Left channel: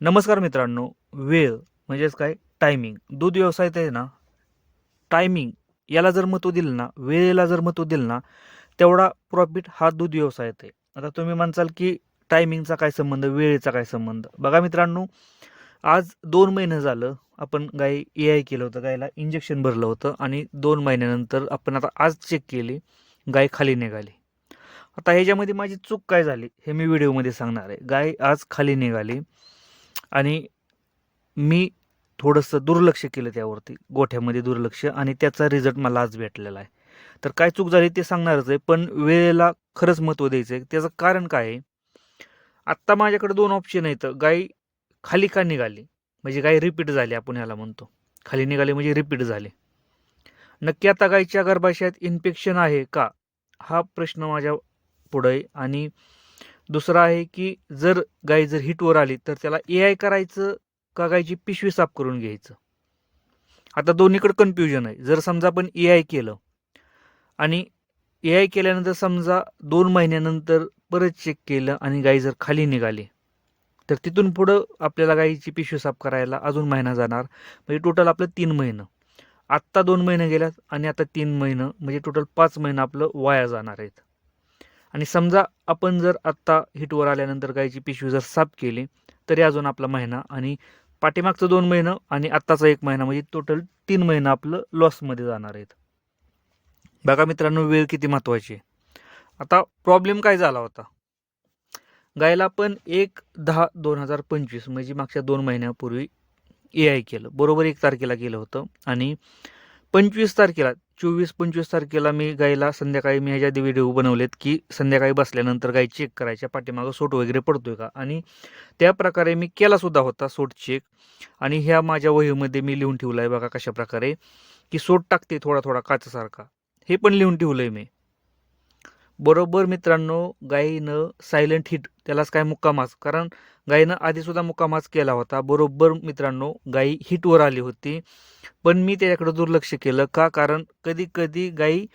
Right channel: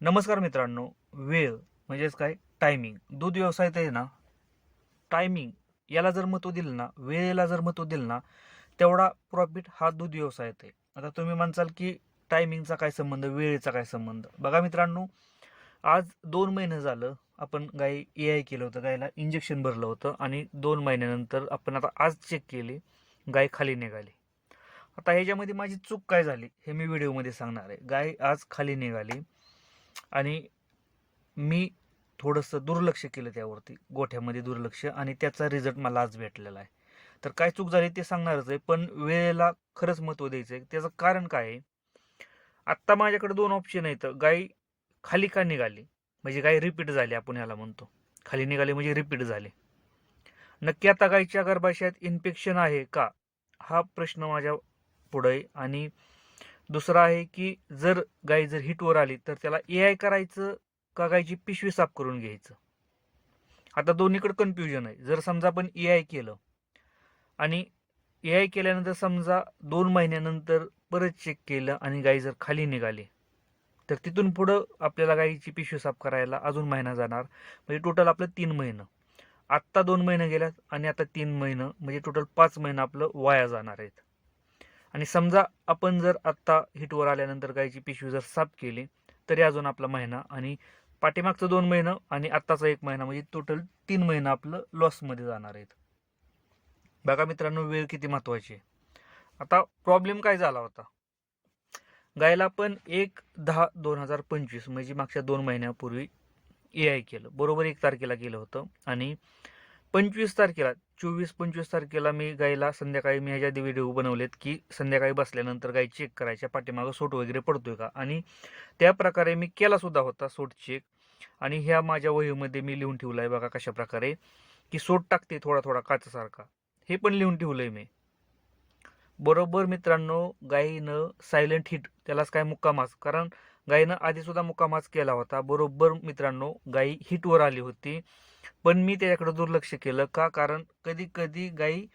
नमस्कार मित्रांनो. वेळ म्हणजेच काय टायमिंग. दूध व्यवसायात आहे ना, टायमिंग याला जर महत्त्व दिलं ना, वेळेला जर महत्त्व दिलं ना, तेवढा प्रॉफिट हा दूध व्यवसायात आहे. आता तुम्ही म्हणसाल की टायमिंगचा काय संबंध, वेळेचा काय संबंध? बघा मित्रांनो, आज 2 महिने झालं आपण गाई ए-आय केलं होतं. गायला इंजेक्शन भरलं होतं आणि 2 महिन्यानंतर आपण आता आज चेक केली, गाय खाली निघाली. आता ह्याच्यामध्ये माझी चूक काय झाली हे मी व्हिडिओमध्ये सांगणार आहे. गाय आज खाली निघाली आणि मी थोडंसं दुर्लक्ष केलं त्यावरती, गोठ्यामध्ये दुर्लक्ष आणि त्याचा रिझल्ट मला आज भेटलेला आहे. तर काय चूक झाली ते सांगणारच आहे, पण वेळेला खरंच महत्त्व द्यायचं आहे. त्याचं कारण काय आहे? आत्ता माझ्याकडे 2 ऑप्शन आहेत. गाय खाली का निघाली? म्हणजे गाय रिपीट झाली आपण ह्याला म्हणतो. खाली निघाली म्हणजे रिपीट झाली. नक्की आता गायीच्या गर्भाशयात इन्फेक्शन आहे का? हा प्रश्न माझ्या पुढे आहे. आणि दुसरा आहे की गाय जर हिटवर आली तर त्याला ए-आय करायचं का गायची पिशवी साफ करून घ्यायचं? आता दोन्हीकडे कन्फ्युजन आहे. जर समजा आपण ए-आय केलं आणि ए-आय केल्यानंतर समजा 2 महिन्यानंतर परत चेक केलं आणि गाय जर खाली निघाली, तर तिथून पुढं आपल्याला गायीची पिशवी साफ करायला अजून महिना जाणार. म्हणजे टोटल आपलं 3 महिनं. आत्ता 2 महिने गेल्यात आणि आता 3 महिनं म्हणजे टोटल 5 महिनं आपलं वाया जाणार आहेत. आणि समजा आपण जर आत्ता हिटवर आल्यानंतर गायची पिशवी जर साफ केली, तरी अजून आपला महिना आणि पाठीमागचं 2 महिनं आणि आत्ताचा 1 महिना म्हणजे टोटल 3 महिनं आपलं लॉसमध्ये जाणार आहेत. बघा मित्रांनो, वेळ किती महत्त्वाची आहे. आता प्रॉब्लेम काय झाला होता? गायला आपण 1/10/2025 म्हणजे मागच्या 2 महिन्यापूर्वी ए-आय केलं. बरोबर 1 तारखेला केलं होतं आणि 25 तारखेला 24-25 तारखेला मी गायीला संध्याकाळी मी ह्याच्या आधी व्हिडिओ बनवलेत, की संध्याकाळी बसल्यानंतर गाय चेक करायच्या पाठीमागं सोट वगैरे पडतोय का? आणि त्या प्रकारे मी केला सुद्धा होता सोट चेक. आणि ह्या माझ्या वहीमध्ये मी लिहून ठेवलं आहे बघा कशाप्रकारे, की सोट टाकते थोडा-थोडा काचेसारखा. हे पण लिहून ठेवलंय मी. बरोबर मित्रांनो, गायीनं सायलेंट हिट त्यालाच काय मुक्कामाच, कारण गायीनं आधीसुद्धा मुक्कामाच केला होता. बरोबर मित्रांनो, गायी हिटवर आली होती. पण मी त्याच्याकडे दुर्लक्ष केलं का? कारण कधी-कधी गायी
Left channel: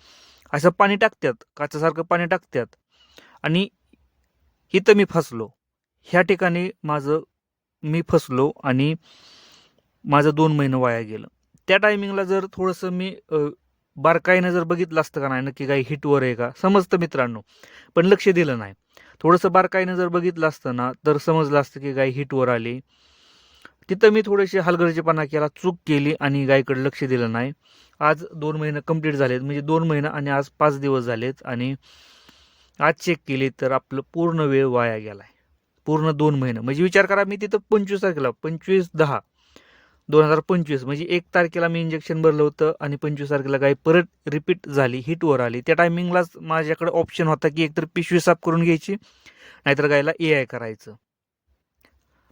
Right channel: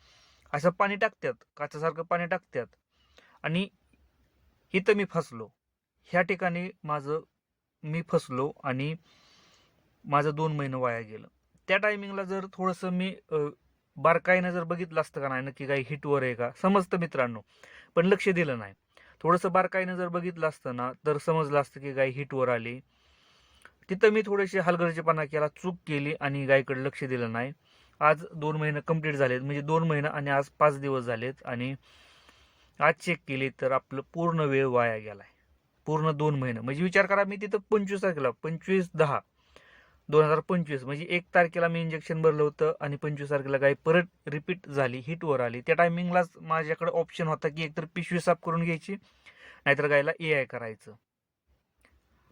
असं पाणी टाकतात, काचेसारखं पाणी टाकतात आणि इथं मी फसलो. ह्या ठिकाणी मी फसलो आणि माझं 2 महिने वाया गेलं. त्या टायमिंगला जर थोडंसं मी बारकाईनं जर बघितलं असतं का नाही, नक्की गाय हिटवर आहे का? समजतं मित्रांनो, पण लक्ष दिलं नाही. थोडंसं बारकाईनं जर बघितलं असतं ना, तर समजलं असतं की गाय हिटवर आली. तिथं मी थोडेसे हलगर्जीपणा केला, चूक केली आणि गायीकडे लक्ष दिलं नाही. आज 2 महिने कंप्लीट झालेत, म्हणजे 2 महिने आणि आज 5 दिवस झालेत आणि आज चेक केली तर आपलं पूर्ण वेळ वाया गेलाय. पूर्ण 2 महिने म्हणजे विचार करा, मी तिथं 25 तारखेला 25/10/2025 म्हणजे 1 तारखेला मी इंजेक्शन भरलं होतं आणि 25 तारखेला गाय परत रिपीट झाली, हिटवर आली. त्या टायमिंगलाच माझ्याकडे ऑप्शन होता की एकतर पिशवी साफ करून घ्यायची, नाहीतर गायला ए-आय करायचं.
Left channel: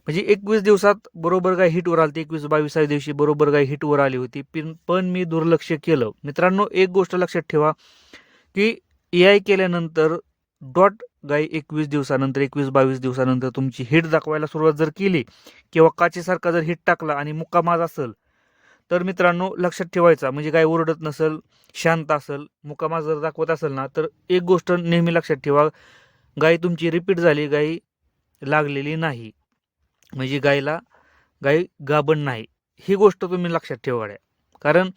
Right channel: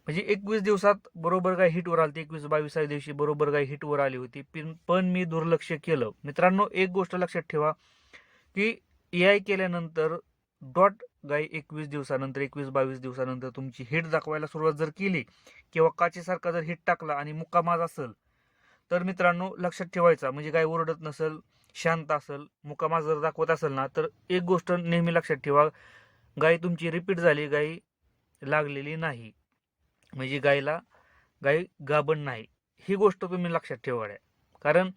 म्हणजे 21 दिवसात बरोबर गाय हिटवर आली होती. 21-22व्या दिवशी बरोबर गाय हिटवर आली होती. पण मी दुर्लक्ष केलं. मित्रांनो, एक गोष्ट लक्षात ठेवा, की ए-आय केल्यानंतर डॉट गाय 21 दिवसानंतर 21-22 दिवसानंतर तुमची हिट दाखवायला सुरुवात जर केली किंवा काचेसारखा जर हिट टाकला आणि मुक्कामाज असेल, तर मित्रांनो लक्षात ठेवायचा, म्हणजे गाय ओरडत नसेल, शांत असेल, मुक्कामाज जर दाखवत असेल ना, तर एक गोष्ट नेहमी लक्षात ठेवा, गाय तुमची रिपीट झाली, गाय लागलेली नाही. म्हणजे गाय गाभण नाही. ही गोष्ट तुम्ही लक्षात ठेवा गड्या. कारण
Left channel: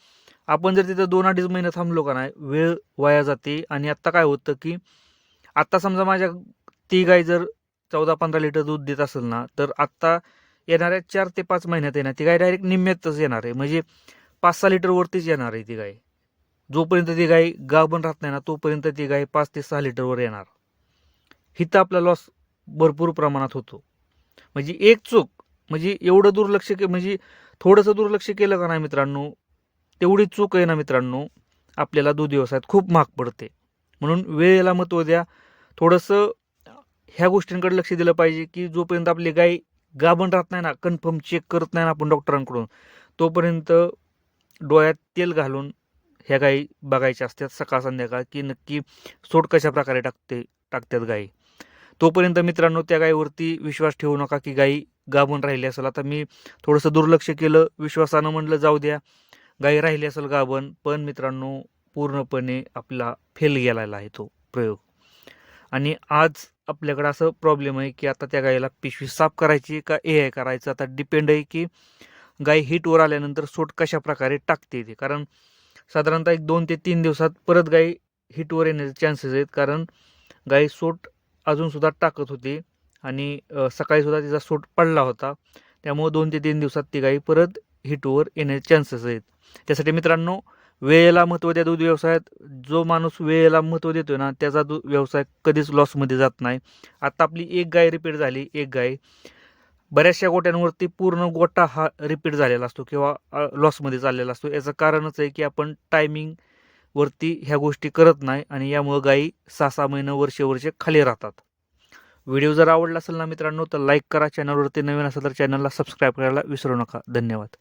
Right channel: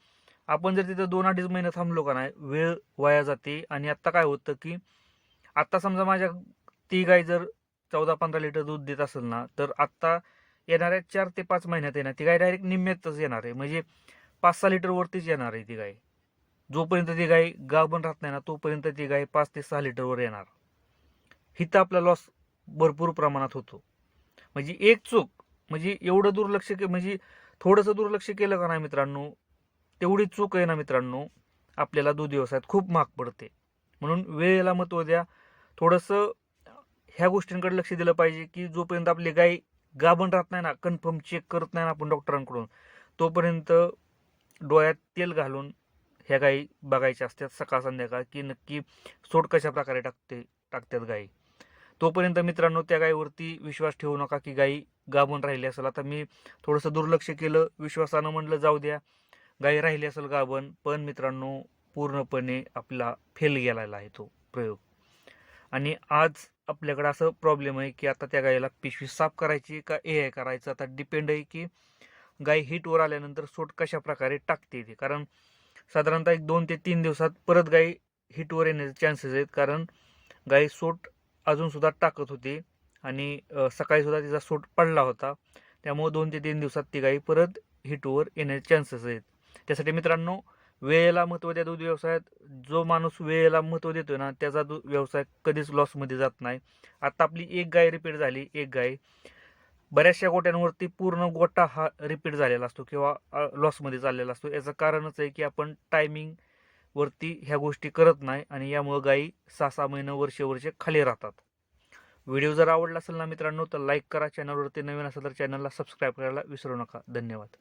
आपण जर तिथं 2-2.5 महिने थांबलो का नाही, वेळ वाया जाते. आणि आत्ता काय होतं, की आत्ता समजा ती गाय जर 14-15 लिटर दूध देत असेल ना, तर आत्ता येणाऱ्या 4 ते 5 महिन्यात आहे ना, ती गाय डायरेक्ट निम्म्यातच येणार आहे. म्हणजे 5-6 लिटरवरतीच येणार आहे ती गाय. जोपर्यंत ती गाय गाभण राहत नाही ना, तोपर्यंत ती गाय 5 ते 6 लिटरवर येणार. हिथं आपला लॉस भरपूर प्रमाणात होतो. म्हणजे एक चूक, म्हणजे एवढं दुर्लक्ष म्हणजे थोडंसं दुर्लक्ष केलं का नाही मित्रांनो, तेवढी चूक आहे ना मित्रांनो, आपल्याला दूध व्यवसायात खूप महाग पडते. म्हणून वेळेला महत्त्व द्या. थोडंसं ह्या गोष्टींकडे लक्ष दिलं पाहिजे, की जोपर्यंत आपली गाय गाभण राहत नाही ना, कन्फर्म चेक करत नाही ना आपण डॉक्टरांकडून, तोपर्यंत डोळ्यात तेल घालून ह्या गायी बघायच्या असतात सकाळ संध्याकाळ, की नक्की सोड कशा प्रकारे टाकतात गायी. तोपर्यंत मित्रांनो त्या गायीवरती विश्वास ठेवू नका, की गायी गाभण राहिली असेल. आता मी थोडंसं दुर्लक्ष केलं, विश्वासानं म्हणलं जाऊ द्या, गायी राहिली असेल गाभण, पण मित्रांनो पूर्णपणे आपला फेल गेलेला आहे तो प्रयोग. आणि आज आपल्याकडं असं प्रॉब्लेम आहे की आता त्या गायीला पिशवी साफ करायची का ए करायचं, आता डिपेंड आहे की गाय हीटवर आल्यानंतर सोट कशा प्रकारे टाकते ते. कारण साधारणतः एक 2 ते 3 दिवसात परत गाय हीटवर येण्याचे चान्सेस आहेत. कारण गाय सोट अजूनसुद्धा टाकत होती आणि सकाळीसुद्धा तिचा सोट पडला होता. त्यामुळे 2 ते 3 दिवसात ती गाय परत हीटवर येण्याचे चान्सेस आहेत. त्यासाठी मित्रांनो, वेळेला महत्त्व द्या दूध व्यवसायात. जो माणूस वेळेला महत्त्व देतोय ना, त्याचा व्यवसाय कधीच लॉसमध्ये जात नाही. आता आपली एक गाय रिपीट झाली, एक गाय. बऱ्याचशा गोट्यांवरती पूर्ण गोटा हा रिपीट झालेला असतो किंवा लॉसमध्ये चाललेला असतो. याचं कारणच आहे की आपण टायमिंगवरती ह्या गोष्टी करत नाही आणि यामुळं गायी 6-6 महिने, वर्षे खाली राहतात. व्हिडिओ जर आवडला असेल ना मित्रांनो, तर लाईक करा. चॅनलवरती नवीन असेल तर चॅनलला सबस्क्राईब करायला विसरू नका. धन्यवाद.